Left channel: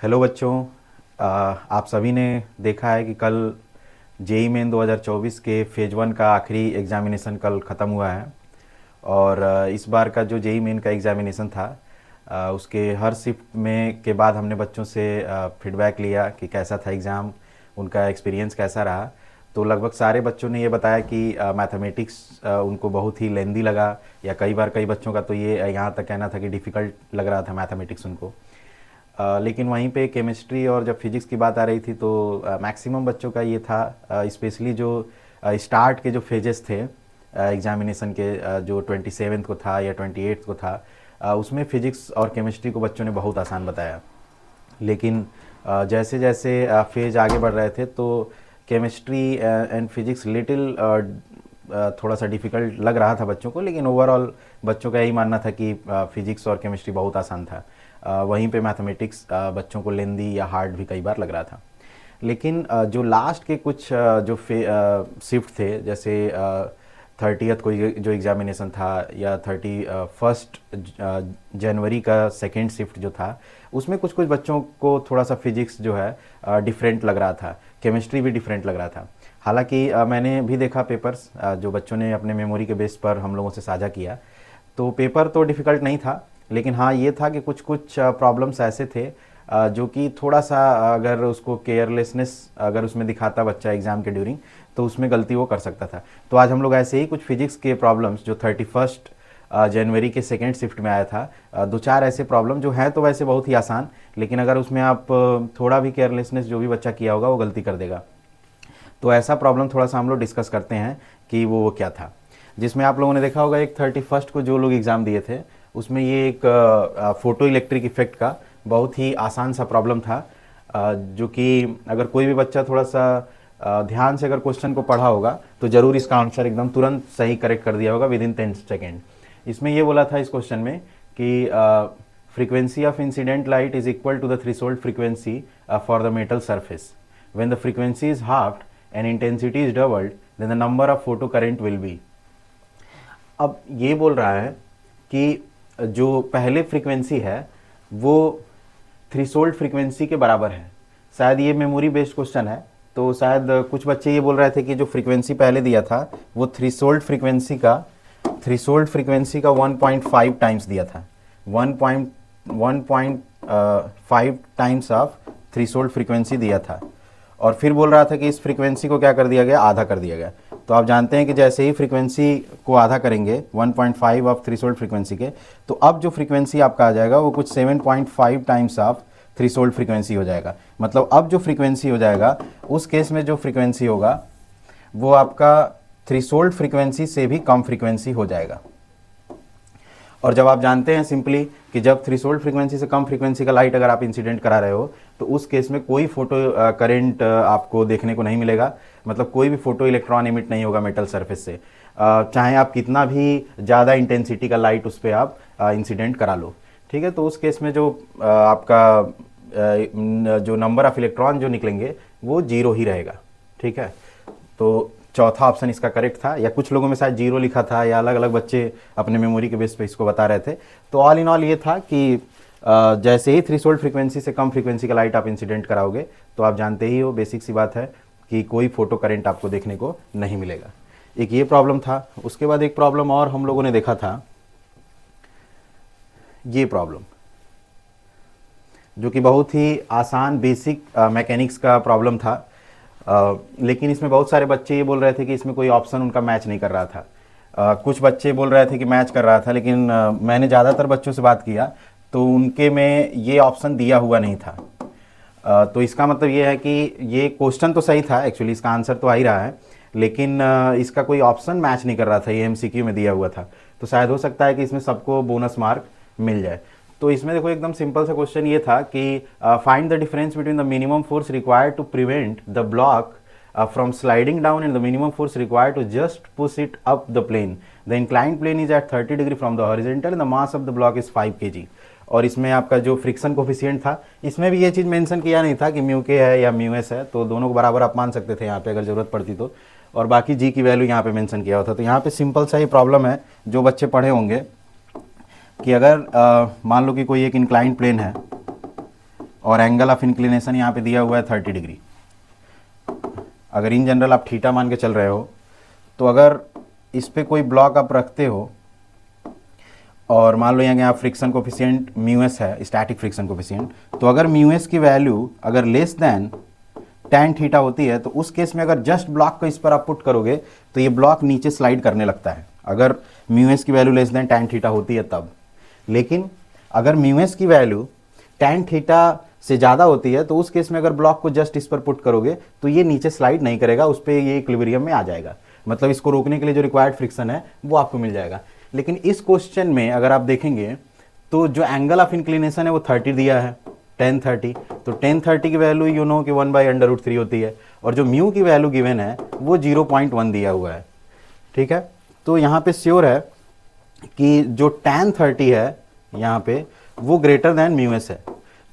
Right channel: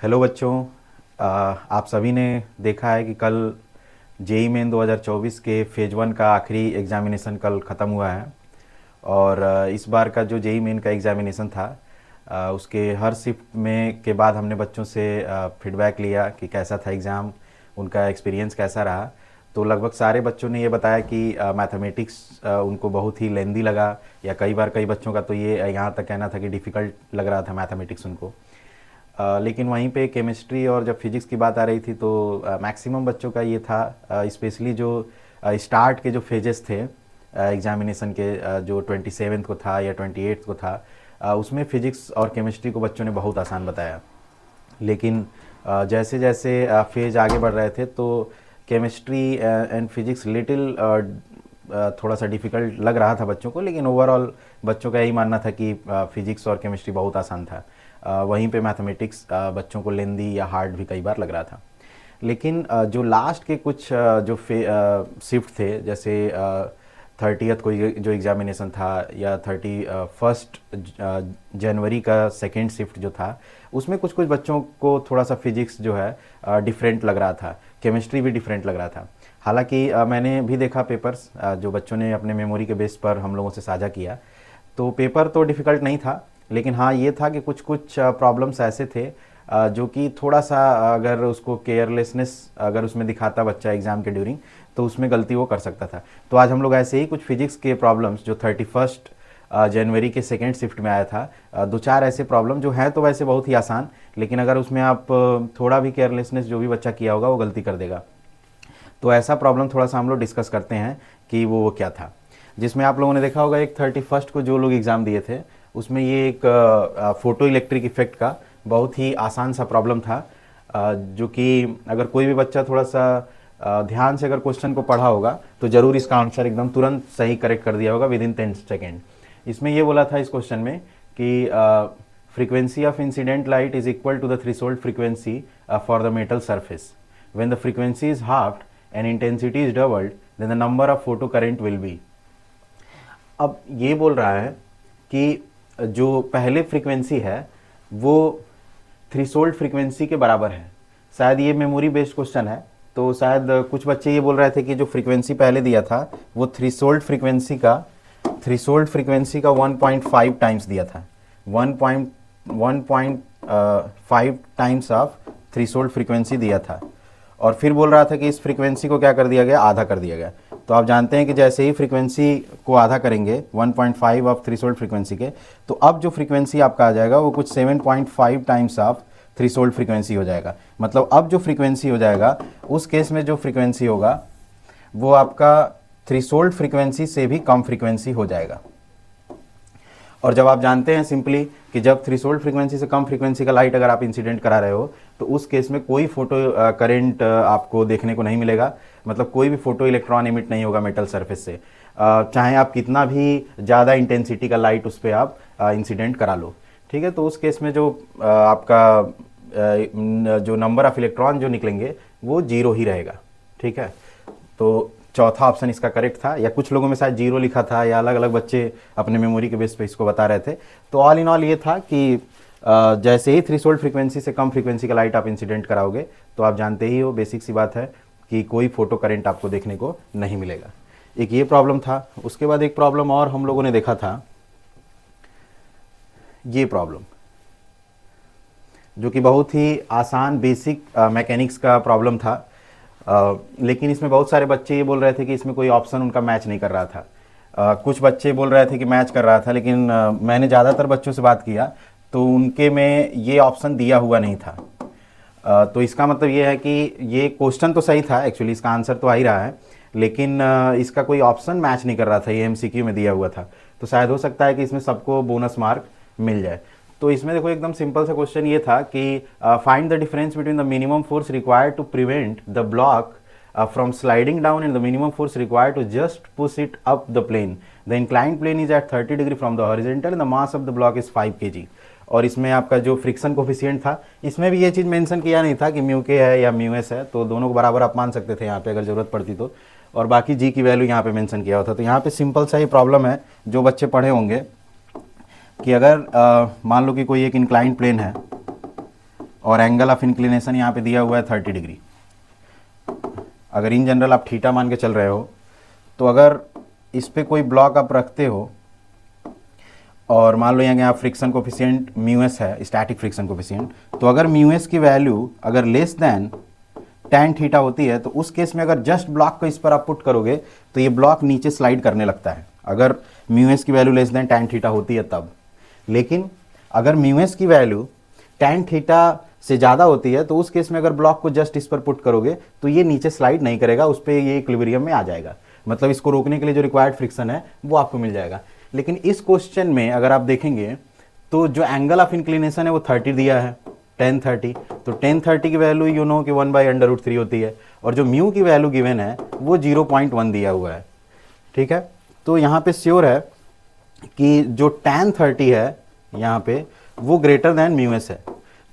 Hello बच्चों। आप सभी ने देखा है कि कल जेई मेन 2024 के फेज वन का आखिरी एग्जामिनेशन कल ख़त्म हुआ है। और इस बार का जो जेई मेन का एग्जामिनेशन था, उसके हर शिफ्ट में के बाद हमने बच्चों से फीडबैक लिया कि कैसा था एग्ज़ाम, उनका एक्सपीरियंस कैसा रहा। तो लगभग सारे बच्चों ने ये बताया कि मैथमेटिक्स उनको बहुत ही लेंदी लगा, या कई बार कई बच्चों का तो ये यहाँ तक कहना था कि डिफ़िकल्ट लग रहा था मैथमेटिक्स उनको। लेकिन वहीं पे केमिस्ट्री और जब फिजिक्स की बात आ रही थी तो मैक्सिमम बच्चों का ये था, स्पेशली जो स्टार्ट के जो फेजेस थे एग्जामिनेशन के, जो 27 को था या 28 को था, उसमें फिजिक्स और केमिस्ट्री को बच्चों ने बहुत आसान बताया। लेकिन जैसे जैसे फेज आगे बढ़ रहे थे तो केमिस्ट्री एंड फिजिक्स लिटिल थोड़ा सा डिफ़िकल्ट लग रहा था बच्चों को, लेकिन ओवरऑल बच्चों का यही मानना था कि फिजिक्स और केमिस्ट्री बहुत आसान था। वहीं पे मैथमेटिक्स बच्चों को लेंदी या हार्ड भी कई बार लग रहा था। लेकिन जो लास्ट के कुछ जो शिफ्ट थे, जैसे 30th को जो एग्जामिनेशन था, या 31st जनवरी का सेकेंड शिफ्ट जो था, उसमें कुछ कुछ बच्चों को थोड़ा सा फिजिक्स जो है डिफरेंट लग रहा था, केमिस्ट्री भी डिफरेंट लग रहा था। हालांकि मैंने भी देखा पेपर्स जो बच्चों ने अपने मेमोरी के बेस पर हम लोगों से साझा किया, तो पेपर तो डिफ़िकल्ट नहीं था, लेकिन हाँ ये था कि कुछ कुछ प्रॉब्लम्स ऐसे थे जो कि थोड़ा सा अगर उसको केयरलेसनेस अगर उसमें दिखाता बच्चा एग्जाम के ड्यूरिंग, तो उसमें गलती वो कर सकता था। तो आज हम लोग ऐसे ही कुछ फिजिक्स के प्रॉब्लम्स जो 31st जनवरी के सेकेंड शिफ्ट में आया था, दो चार ऐसे प्रॉब्लम जो हैं तो वैसे बहुत ही आसान, लेकिन अगर उसमें आप थोड़ा भी केयरलेसनेस जो भी बच्चा किया होगा वो गलती कर देगा। तो ऐसा प्रॉब्लम थोड़ा सा हम लोग डिस्कस करते हैं कि वो क्या था। जिसमें आप लोगों ने देखा होगा एक 31st को जो लोग एग्जाम दिए थे, उसमें ये एक फोटो इलेक्ट्रिक इफेक्ट का बहुत ही आसान सा प्रॉब्लम था, जो कि अगर कोई भी बच्चा थोड़ा सा ध्यान से अगर क्वेश्चन को पढ़ा होगा तो जरूर इसका आंसर एकदम तुरंत सही करेक्ट कर दिया होगा विद इन 10 सेकेंड। इसमें ये बोला था इस क्वेश्चन में कि frequency of incident light is equal to the threshold frequency for the metal surface. When the frequency is halved and intensity is doubled, then the number of photocurrent will be. अब ये बोल रहा है कि जो पहले फ्रीक्वेंसी है वो थ्रेशोल्ड फ्रीक्वेंसी के बराबर है। शायद ये मेमोरी बेस्ड क्वेश्चन है, तो शायद कुछ बच्चे ये बोल रहे थे कि जो फ्रीक्वेंसी पहले दिया था वो थ्रेशोल्ड फ्रीक्वेंसी का 1.5 टाइम्स दिया था, 1.5 टाइम्स ऑफ थ्रेशोल्ड फ्रीक्वेंसी दिया था। और फिर बोल रहा था कि इस फ्रीक्वेंसी को क्या कर दिया गया, आधा कर दिया गया। तो आप जानते हैं कि जैसे ही फ्रीक्वेंसी को आधा करेंगे 1.5 ऑफ थ्रेशोल्ड फ्रीक्वेंसी के, तो अब जो फ्रीक्वेंसी आपका आ जाएगा वो कुछ 7.5 टाइम्स ऑफ थ्रेशोल्ड फ्रीक्वेंसी हो जाएगा। मतलब अब जो फ्रीक्वेंसी हो जाएगा, उस केस में जो फ्रीक्वेंसी होगा वो आपका थ्रेशोल्ड फ्रीक्वेंसी से भी कम फ्रीक्वेंसी हो जाएगा। और जब आप जानते हैं सिंपली कि जब थ्रेशोल्ड फ्रीक्वेंसी से कम फ्रीक्वेंसी का लाइट अगर आप इंसिडेंट करा रहे हो, तो उस केस में कोई फोटो करंट आपको देखने को नहीं मिलेगा। मतलब कोई भी फोटो इलेक्ट्रॉन इमिट नहीं होगा मेटल सरफेस से, चाहे आप कितना भी ज़्यादा इंटेंसिटी का लाइट उस पर आप इंसिडेंट करा लो। ठीक है, तो उस केस में जो आपका जो नंबर ऑफ इलेक्ट्रॉन जो निकलेंगे वो जीरो ही रहेगा। ठीक है, तो चौथा ऑप्शन इसका करेक्ट था, या कुछ लोगों में शायद जीरो लिखा था, या अलग अलग बच्चे अपने मेमोरी के बेस पे इसको बता रहे थे। तो ऑल इन ऑल ये था कि जैसे ही थ्रेशोल्ड फ्रीक्वेंसी से कम फ्रीक्वेंसी का लाइट आप इंसिडेंट कराओगे, तो आप जानते ही हो, बेसिक सी बात है कि कोई फोटो करंट आपको देखने को नहीं मिलेगा। एक ये प्रॉब्लम था। उसके बाद एक प्रॉब्लम और हम लोगों ने देखा था, ये प्रॉब्लम जो कि बहुत ही आसान बेसिक मैकेनिक्स का प्रॉब्लम था। लेकिन इसमें बहुत सारे बच्चे ये बोल रहे थे कि इसमें कोई ऑप्शन उनका मैच नहीं कर रहा था। कुछ बच्चे बोल रहे थे कि मैच कर रहा था, लेकिन मैंने ज़्यादातर बच्चों से बात किया तो उनके में ये ऑप्शन दिया हुआ नहीं था। तो इसका मतलब ये है कि ये क्वेश्चन तो सही था, एक्चुअली इसका आंसर तो आ ही रहा है, लेकिन इसका कोई ऑप्शन मैच नहीं कर रहा था, ये एमसीक्यू में दिया हुआ था। तो शायद हो सकता है कि इसमें सबको बोनस मार्क मिल जाए। तो इसमें देखो एकदम सिंपल सा क्वेश्चन ये था कि find the difference between the minimum force required to prevent the block from sliding down and the minimum force required to just push it up the plane. The inclined plane is at 30 degree from the horizontal and the mass of the block is 5 kg. और इसमें आपका जो friction coefficient था, इसमें भी ये चीज़ mention किया नहीं था कि म्यू के है या म्यू एस है, तो दोनों को बराबर आप मान सकते थे यहाँ पे अगर ज़रूरत पड़ती तो। और बाकी जी की वैल्यू यहाँ पे मेंशन किया होता। तो यहाँ पे सिंपल सा ही प्रॉब्लम है, जो बच्चे पढ़े होंगे कि अगर मान लो कि कोई एक इंक्लाइंड प्लेन है, और एंगल ऑफ इंक्लिनेशन यहाँ पे दिया हुआ है 30 डिग्री। अगर इन जनरल आप थीटा मान के चल रहे हो तो अगर इस पे कोई ब्लॉक आप रखते हो और मान लो यहाँ फ्रिक्शन कोफिशिएंट म्यू एस है, स्टैटिक फ्रिक्शन कोफिशिएंट, तो अगर म्यू एस की वैल्यू अगर लेस देन tan थीटा होती है तो उस केस में अगर जस्ट ब्लॉक को इस पर आप पुट करोगे तो ये ब्लॉक नीचे स्लाइड करने लगता है, अगर म्यू एस की value less than tan theta होती है तब। लेकिन अगर म्यू एस की वैल्यू tan थीटा से ज़्यादा होती है तो उस केस में अगर ब्लॉक को जस्ट इस पर पुट करोगे तो ये नीचे स्लाइड नहीं करेगा, उस पर ये इक्विलिब्रियम में आ जाएगा, मतलब इसको रोकने के लिए जो रिक्वायर्ड फ्रिक्शन है वो आपको मिल जाएगा। लेकिन इस क्वेश्चन में अगर आप देखेंगे तो जो एंगल ऑफ इंक्लिनेशन है वो 30 दिया है, tan 30, तो tan 30 की वैल्यू यू नो कि 1/√3 होती है, और जो म्यू की वैल्यू गिवन है वो 0.1 दिया हुआ है। ठीक है, तो यहाँ पे श्योर है कि जो tan 30 है यहाँ पे वो ग्रेटर देन म्यू एस है।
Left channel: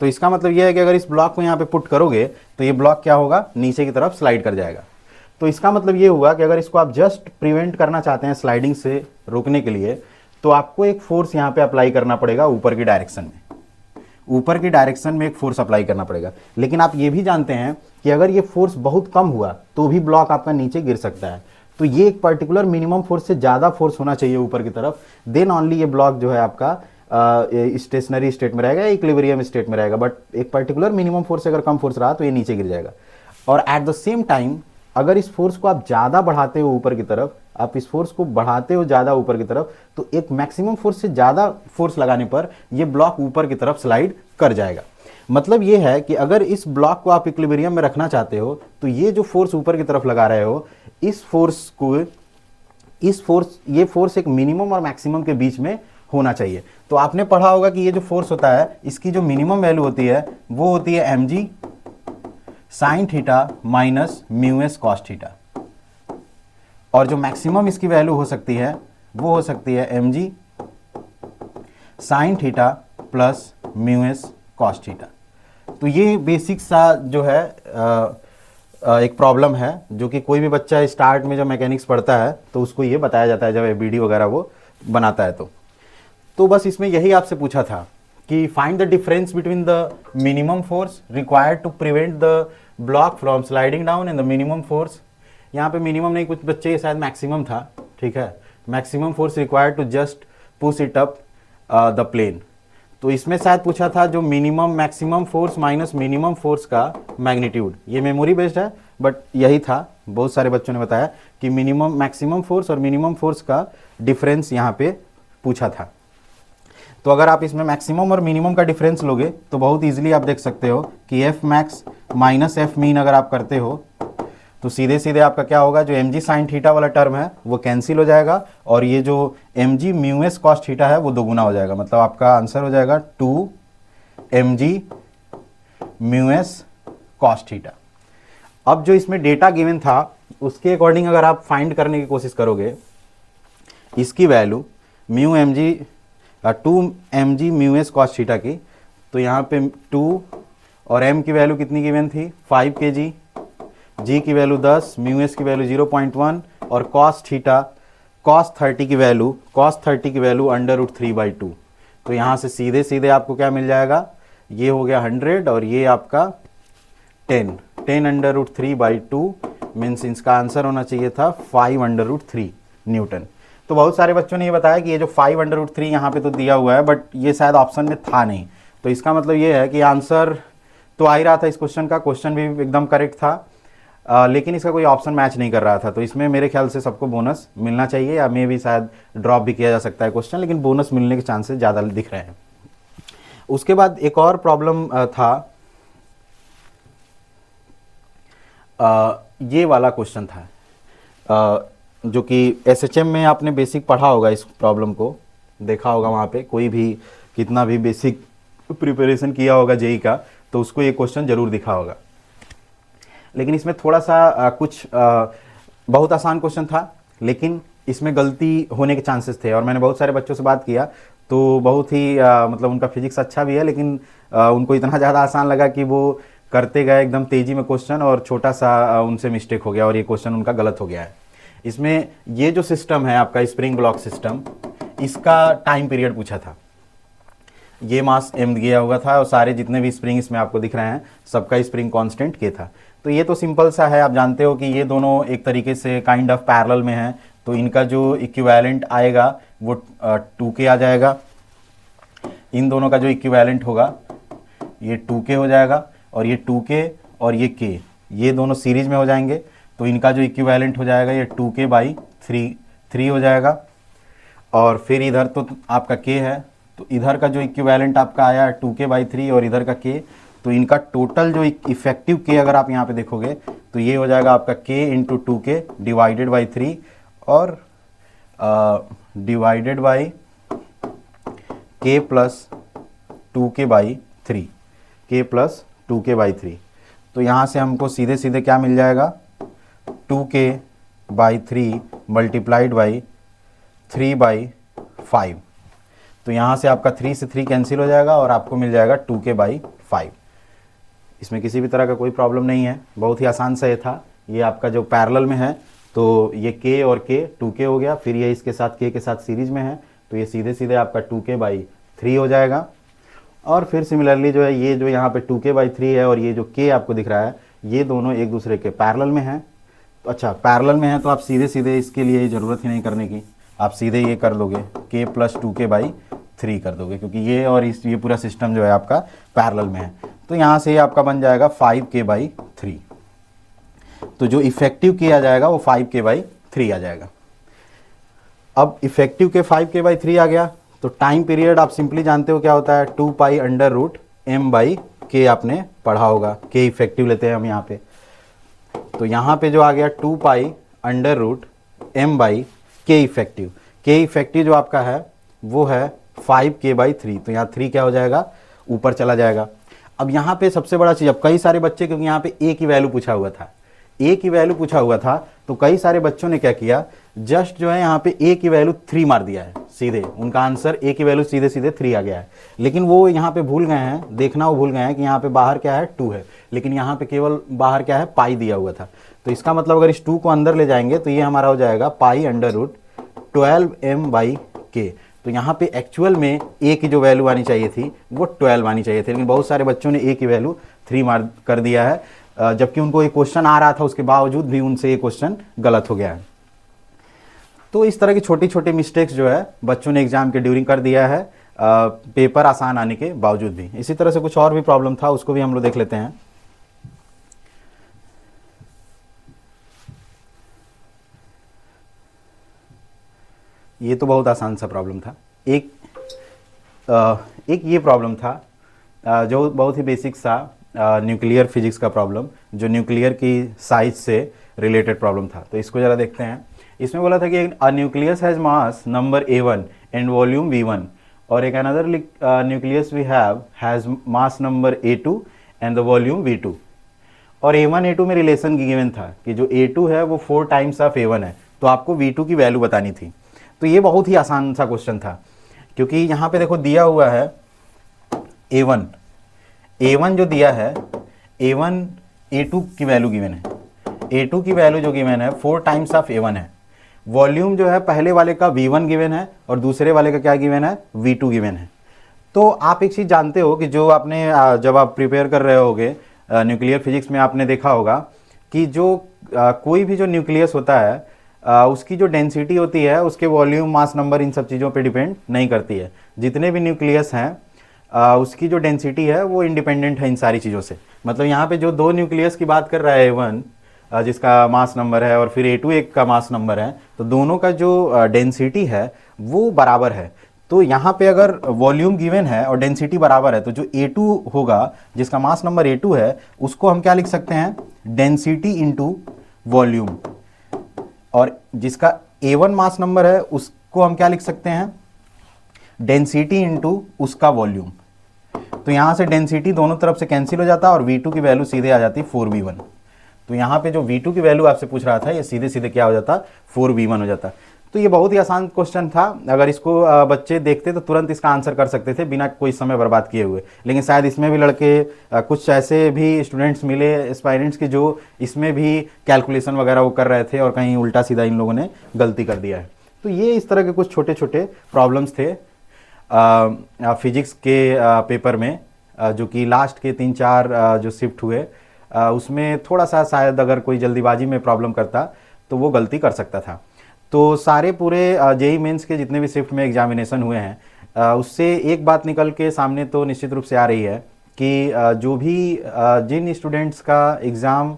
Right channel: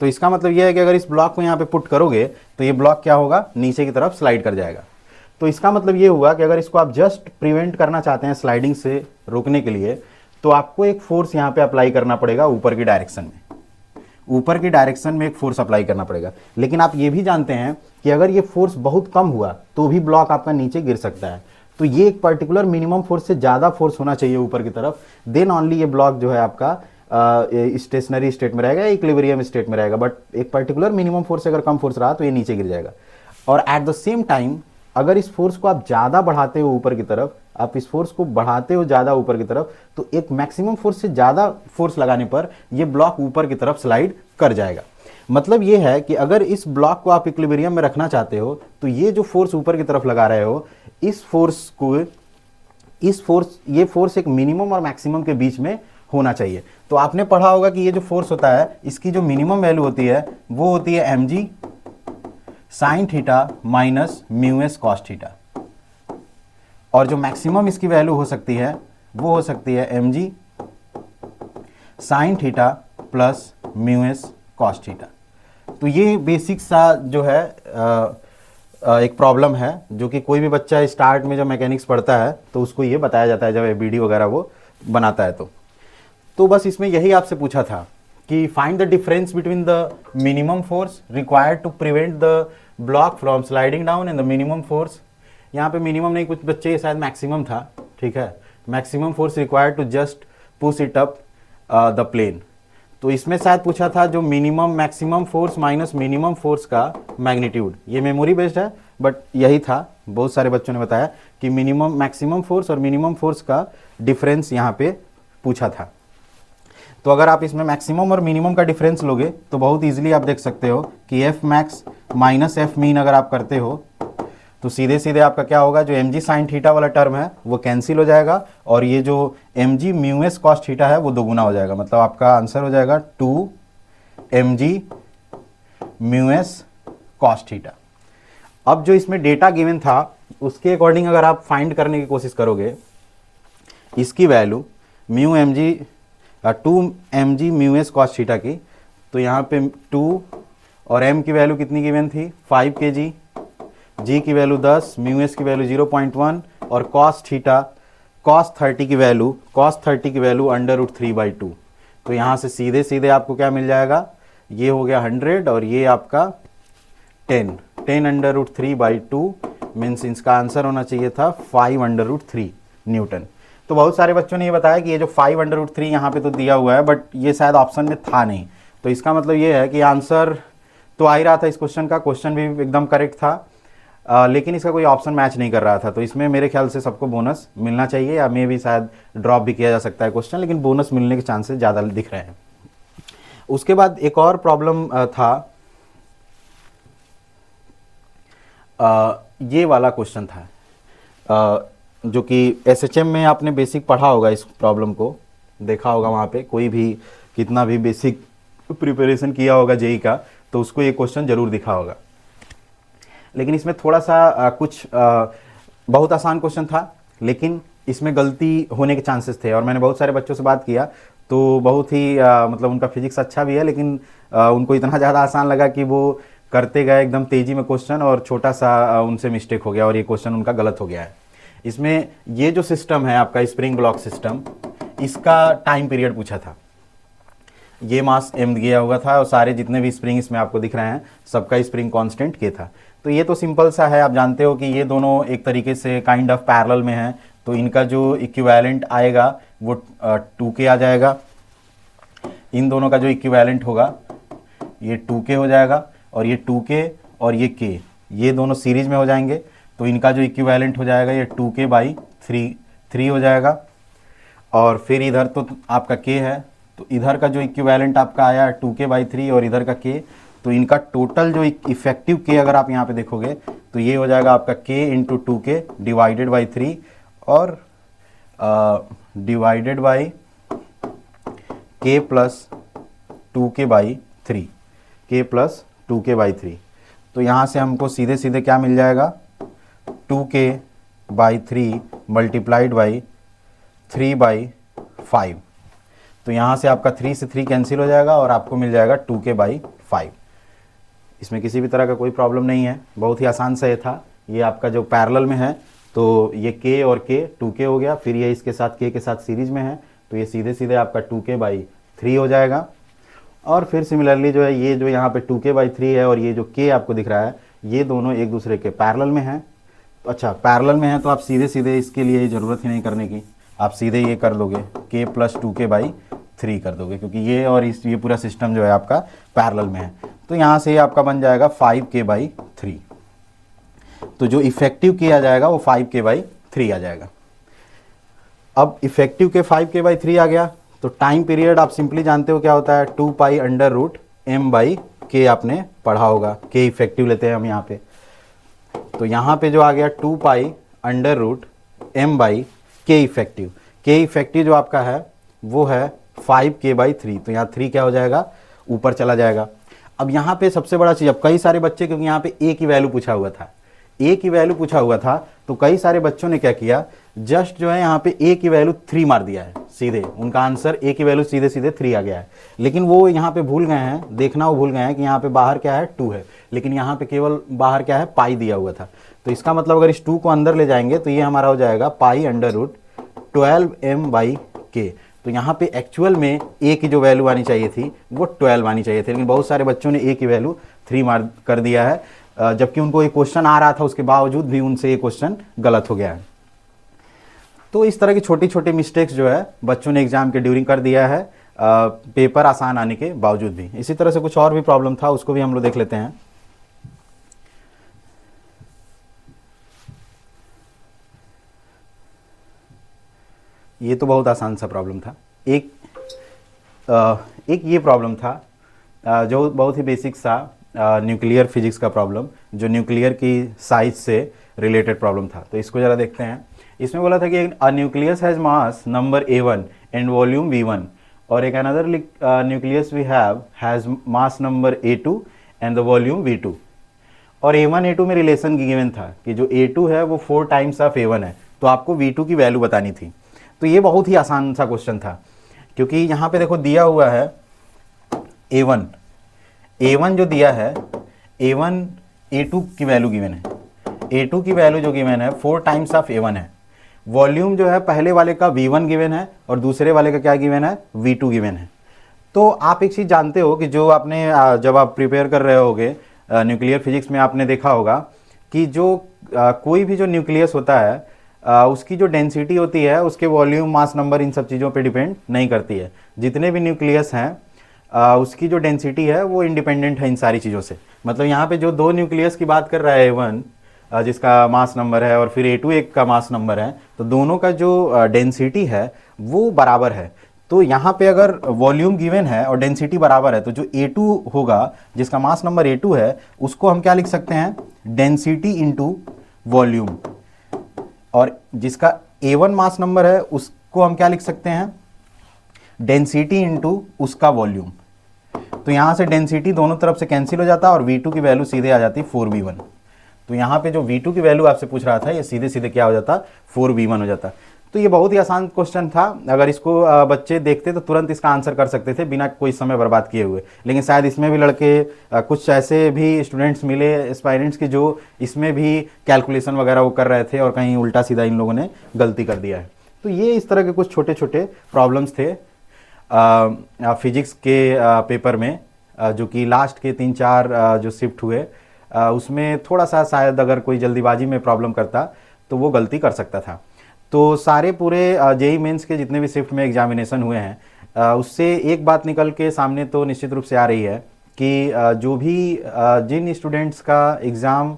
तो इसका मतलब ये है कि अगर इस ब्लॉक को यहाँ पे पुट करोगे तो ये ब्लॉक क्या होगा, नीचे की तरफ स्लाइड कर जाएगा। तो इसका मतलब ये हुआ कि अगर इसको आप जस्ट प्रिवेंट करना चाहते हैं स्लाइडिंग से रोकने के लिए, तो आपको एक फोर्स यहाँ पे अप्लाई करना पड़ेगा ऊपर की डायरेक्शन में, ऊपर की डायरेक्शन में एक फोर्स अप्लाई करना पड़ेगा। लेकिन आप ये भी जानते हैं कि अगर ये फोर्स बहुत कम हुआ तो भी ब्लॉक आपका नीचे गिर सकता है। तो ये एक पर्टिकुलर मिनिमम फोर्स से ज़्यादा फोर्स होना चाहिए ऊपर की तरफ, देन ओनली ये ब्लॉक जो है आपका स्टेशनरी स्टेट में रहेगा, इक्विलिब्रियम स्टेट में रहेगा। बट एक पर्टिकुलर मिनिमम फोर्स से अगर कम फोर्स रहा तो ये नीचे गिर जाएगा। और एट द सेम टाइम अगर इस फोर्स को आप ज़्यादा बढ़ाते हो ऊपर की तरफ, आप इस फोर्स को बढ़ाते हो ज़्यादा ऊपर की तरफ, तो एक मैक्सिमम फोर्स से ज़्यादा फोर्स लगाने पर ये ब्लॉक ऊपर की तरफ स्लाइड कर जाएगा। मतलब ये है कि अगर इस ब्लॉक को आप इक्विलिब्रियम में रखना चाहते हो तो ये जो फोर्स ऊपर की तरफ लगा रहे हो, इस फोर्स को ये फोर्स एक मिनिमम और मैक्सिमम के बीच में होना चाहिए। तो आपने पढ़ा होगा कि ये जो फोर्स होता है इसकी जो मिनिमम वैल्यू होती है वो होती है mg sine theta minus mu S cos theta, और जो मैक्सिमम इसकी वैल्यू हो सकती है वो हो सकती है mg sine theta plus mu S cos theta. तो ये बेसिक सा जो है एक प्रॉब्लम है जो कि कोई भी बच्चा स्टार्ट में जब मैकेनिक्स पढ़ता है तो उसको ये बताया जाता है जब एबीडी वगैरह वो बनाता है। तो बस इसमें यही आपसे पूछा था कि find the difference between the minimum force required to prevent the block from sliding down and the minimum force, यहाँ पे मिनिमम नहीं, कुछ बच्चे के साथ मैक्सिमम था, ठीक है, maximum force required to just push it up the plane. तो इसमें शायद पूछा था जो minimum maximum force minus minimum force का मैग्नीट्यूड, ये मेमोरी बेस्ड है बट यही था, बहुत सारे बच्चों ने बताया कि मिनिमम मैक्सिमम फोर्स और मिनिमम फोर्स का डिफरेंस यहाँ पे पूछा था। तो अगर आप इसमें मैक्सिमम और मिनिमम का डिफरेंस लोगे तो बहुत इजीली आप देख सकते हो कि F max minus F mean अगर आप करते हो तो सीधे सीधे आपका क्या होगा, जो mg साइन थीटा वाला टर्म है वो कैंसिल हो जाएगा और ये जो mg mu S cos theta है वो दोगुना हो जाएगा। मतलब आपका आंसर हो जाएगा 2 mg mu S cos theta. अब जो इसमें डेटा गिवन था उसके अकॉर्डिंग अगर आप फाइंड करने की कोशिश करोगे इसकी value mu mg 2 mg mu S cos theta की, तो यहाँ पे 2 और m की वैल्यू कितनी गिवन थी 5 kg, g की वैल्यू 10, म्यू एस की वैल्यू 0.1 और cos थीटा cos 30 की वैल्यू √3/2। तो यहाँ से सीधे सीधे आपको क्या मिल जाएगा, ये हो गया 100 और ये आपका 10 √3/2 मीन्स इसका आंसर होना चाहिए था 5√3 न्यूटन। तो बहुत सारे बच्चों ने ये बताया कि ये जो 5√3 यहाँ पे तो दिया हुआ है बट ये शायद ऑप्शन में था नहीं, तो इसका मतलब ये है कि आंसर तो आ ही रहा था इस क्वेश्चन का, क्वेश्चन भी एकदम करेक्ट था, लेकिन इसका कोई ऑप्शन मैच नहीं कर रहा था। तो इसमें मेरे ख्याल से सबको बोनस मिलना चाहिए, या मे भी शायद ड्रॉप भी किया जा सकता है क्वेश्चन, लेकिन बोनस मिलने के चांसेस ज़्यादा दिख रहे हैं। उसके बाद एक और प्रॉब्लम था, ये वाला क्वेश्चन था जो कि एसएचएम में आपने बेसिक पढ़ा होगा, इस प्रॉब्लम को देखा होगा, वहाँ पे कोई भी कितना भी बेसिक प्रिपरेशन किया होगा जेई का तो उसको ये क्वेश्चन जरूर दिखा होगा। लेकिन इसमें थोड़ा सा बहुत आसान क्वेश्चन था लेकिन इसमें गलती होने के चांसेस थे, और मैंने बहुत सारे बच्चों से बात किया तो बहुत ही मतलब उनका फिजिक्स अच्छा भी है लेकिन उनको इतना ज़्यादा आसान लगा कि वो करते गए एकदम तेजी में क्वेश्चन और छोटा सा उनसे मिस्टेक हो गया और ये क्वेश्चन उनका गलत हो गया है। इसमें ये जो सिस्टम है आपका स्प्रिंग ब्लॉक सिस्टम, इसका टाइम पीरियड पूछा था। ये मास m दिया हुआ था और सारे जितने भी स्प्रिंग इसमें आपको दिख रहे हैं सबका स्प्रिंग कांस्टेंट k था। तो ये तो सिंपल सा है, आप जानते हो कि ये दोनों एक तरीके से काइंड ऑफ पैरेलल में हैं, तो इनका जो इक्विवेलेंट आएगा वो 2k आ जाएगा। इन दोनों का जो इक्विवेलेंट होगा ये 2k हो जाएगा, और ये 2k और ये k ये दोनों सीरीज में हो जाएंगे, तो इनका जो इक्विवेलेंट हो जाएगा ये 2k/3 हो जाएगा। और फिर इधर तो आपका k है, तो इधर का जो इक्विवेलेंट आपका आया 2k/3 और इधर का k, तो इनका टोटल जो इफेक्टिव k अगर आप यहाँ पे देखोगे तो ये हो जाएगा आपका k into 2k divided by 3 और divided by k plus 2k/3, k plus 2k/3। तो यहाँ से हमको सीधे सीधे क्या मिल जाएगा 2k/3 मल्टीप्लाइड बाई 3/5। तो यहाँ से आपका 3 से 3 कैंसिल हो जाएगा और आपको मिल जाएगा 2k/5। इसमें किसी भी तरह का कोई प्रॉब्लम नहीं है, बहुत ही आसान से ये था। ये आपका जो पैरेलल में है तो ये k और k 2k हो गया, फिर ये इसके साथ k के साथ सीरीज में है, तो ये सीधे सीधे आपका 2k/3 हो जाएगा। और फिर सिमिलरली जो है ये जो यहाँ पे 2k/3 है और ये जो k आपको दिख रहा है ये दोनों एक दूसरे के पैरेलल में हैं। तो अच्छा पैरेलल में है तो आप सीधे सीधे इसके लिए ज़रूरत ही नहीं करने की, आप सीधे ये कर लोगे k प्लस 2k/3 कर दोगे, क्योंकि ये और ये पूरा सिस्टम जो है आपका पैरेलल में है। तो यहाँ से आपका बन जाएगा 5k/3। तो जो इफेक्टिव k आ जाएगा वो 5k/3 आ जाएगा। अब इफेक्टिव के 5k/3 आ गया, तो टाइम पीरियड आप सिंपली जानते हो क्या होता है 2π/m/k आपने पढ़ा होगा, k इफेक्टिव लेते हैं हम यहाँ पे। तो यहाँ पे जो आ गया 2π/m/k इफेक्टिव, k इफेक्टिव जो आपका है वो है 5k/3। तो यहाँ 3 क्या हो जाएगा ऊपर चला जाएगा। अब यहाँ पे सबसे बड़ा चीज़, अब कई सारे बच्चे, क्योंकि यहाँ पे a की वैल्यू पूछा हुआ था, a की वैल्यू पूछा हुआ था, तो कई सारे बच्चों ने क्या किया जस्ट जो है यहाँ पे a की वैल्यू 3 मार दिया है सीधे, उनका आंसर a की वैल्यू सीधे सीधे 3 आ गया है। लेकिन वो यहाँ पे भूल गए हैं देखना, वो भूल गए हैं कि यहाँ पे बाहर क्या है 2 है, लेकिन यहाँ पे केवल बाहर क्या है पाई दिया हुआ था। तो इसका मतलब अगर इस 2 को अंदर ले जाएंगे तो ये हमारा हो जाएगा π/12m/k। तो यहाँ पे एक्चुअल में a की जो वैल्यू आनी चाहिए थी वो 12 आनी चाहिए थी, लेकिन बहुत सारे बच्चों ने a की वैल्यू 3 मार कर दिया है, जबकि उनको ये क्वेश्चन आ रहा था, उसके बावजूद भी उनसे ये क्वेश्चन गलत हो गया है। तो इस तरह की छोटी छोटी मिस्टेक्स जो है बच्चों ने एग्जाम के ड्यूरिंग कर दिया है, पेपर आसान आने के बावजूद भी। इसी तरह से कुछ और भी प्रॉब्लम था, उसको भी हम लोग देख लेते हैं। ये तो बहुत आसान सा प्रॉब्लम था। एक ये प्रॉब्लम था जो बहुत ही बेसिक सा न्यूक्लियर फिजिक्स का प्रॉब्लम, जो न्यूक्लियर की साइज से रिलेटेड प्रॉब्लम था। तो इसको ज़रा देखते हैं। इसमें बोला था कि a nucleus has mass number a1 and volume v1, और एक another nucleus V has mass number a2 and the volume v2। और a1 a2 में रिलेशन गिवन था कि जो a2 है वो 4 टाइम्स ऑफ a1 है, तो आपको v2 की वैल्यू बतानी थी। तो ये बहुत ही आसान सा क्वेश्चन था, क्योंकि यहाँ पे देखो दिया हुआ है a1 जो दिया है a1 a2 की वैल्यू गिवन है, a2 की वैल्यू जो गिवन है 4 टाइम्स ऑफ a1 है। वॉल्यूम जो है पहले वाले का v1 गिवन है और दूसरे वाले का क्या गिवन है v2 गिवन है। तो आप एक चीज जानते हो कि जो आपने जब आप प्रिपेयर कर रहे होगे न्यूक्लियर फिजिक्स में आपने देखा होगा कि जो कोई भी जो न्यूक्लियस होता है उसकी जो डेंसिटी होती है उसके वॉल्यूम मास नंबर इन सब चीज़ों पे डिपेंड नहीं करती है। जितने भी न्यूक्लियस है उसकी जो डेंसिटी है वो इंडिपेंडेंट है इन सारी चीज़ों से। मतलब यहाँ पे जो दो न्यूक्लियस की बात कर रहा है A1 जिसका मास नंबर है और फिर A2 एक का मास नंबर है, तो दोनों का जो डेंसिटी है वो बराबर है। तो यहाँ पे अगर वॉल्यूम गिवन है और डेंसिटी बराबर है तो जो A2 होगा जिसका मास नंबर A2 है उसको हम क्या लिख सकते हैं डेंसिटी इंटू वॉल्यूम, और जिसका A1 मास नंबर है उसको हम क्या लिख सकते हैं डेंसिटी इंटू उसका वॉल्यूम। तो यहाँ से डेंसिटी दोनों तरफ से कैंसिल हो जाता है और V2 की वैल्यू सीधे आ जाती है 4V1। तो यहाँ पे जो V2 की वैल्यू आपसे पूछ रहा था ये सीधे सीधे क्या हो जाता 4V1 हो जाता। तो ये बहुत ही आसान क्वेश्चन था, अगर इसको बच्चे देखते तो तुरंत इसका आंसर कर सकते थे बिना कोई समय बर्बाद किए हुए। लेकिन शायद इसमें भी लड़के कुछ ऐसे भी स्टूडेंट्स मिले एस्पायरेंट्स के जो इसमें भी कैलकुलेशन वगैरह वो कर रहे थे और कहीं उल्टा सीधा इन लोगों ने गलती कर दिया है। तो ये इस तरह के कुछ छोटे छोटे प्रॉब्लम्स थे। फिजिक्स के पेपर में जो कि लास्ट के 3-4 जो शिफ्ट हुए उसमें थोड़ा सा शायद अगर कोई जल्दीबाजी में प्रॉब्लम करता तो वो गलती कर सकता था। तो सारे पूरे जेई मेंस के जितने भी शिफ्ट में एग्जामिनेशन हुए हैं उससे एक बात निकल के सामने तो निश्चित रूप से आ रही है कि जो भी जिन स्टूडेंट्स का एग्ज़ाम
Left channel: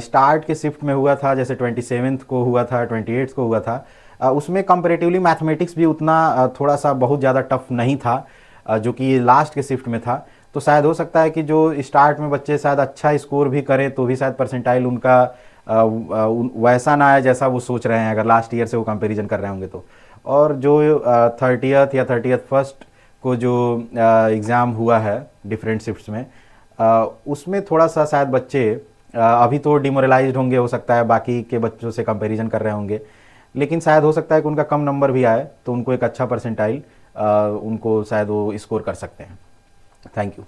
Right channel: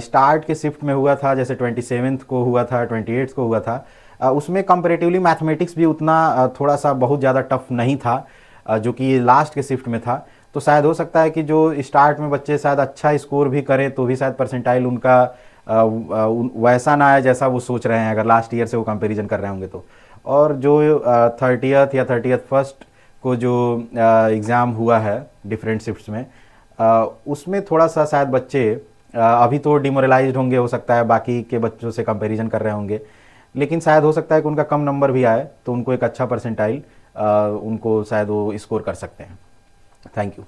स्टार्ट के शिफ्ट में हुआ था, जैसे 27th को हुआ था, 28th को हुआ था, उसमें कंपेरेटिवली मैथमेटिक्स भी उतना थोड़ा सा बहुत ज़्यादा टफ नहीं था जो कि लास्ट के शिफ्ट में था। तो शायद हो सकता है कि जो स्टार्ट में बच्चे शायद अच्छा स्कोर भी करें तो भी शायद परसेंटाइल उनका वैसा ना आए जैसा वो सोच रहे हैं, अगर लास्ट ईयर से वो कंपैरिजन कर रहे होंगे तो। और जो 30th या 31st को जो एग्ज़ाम हुआ है डिफरेंट शिफ्ट्स में उसमें थोड़ा सा शायद बच्चे अभी तो डिमोरलाइज्ड होंगे, हो सकता है बाकी के बच्चों से कंपैरिजन कर रहे होंगे, लेकिन शायद हो सकता है कि उनका कम नंबर भी आए तो उनको एक अच्छा परसेंटाइल उनको शायद वो स्कोर कर सकते हैं। Thank you.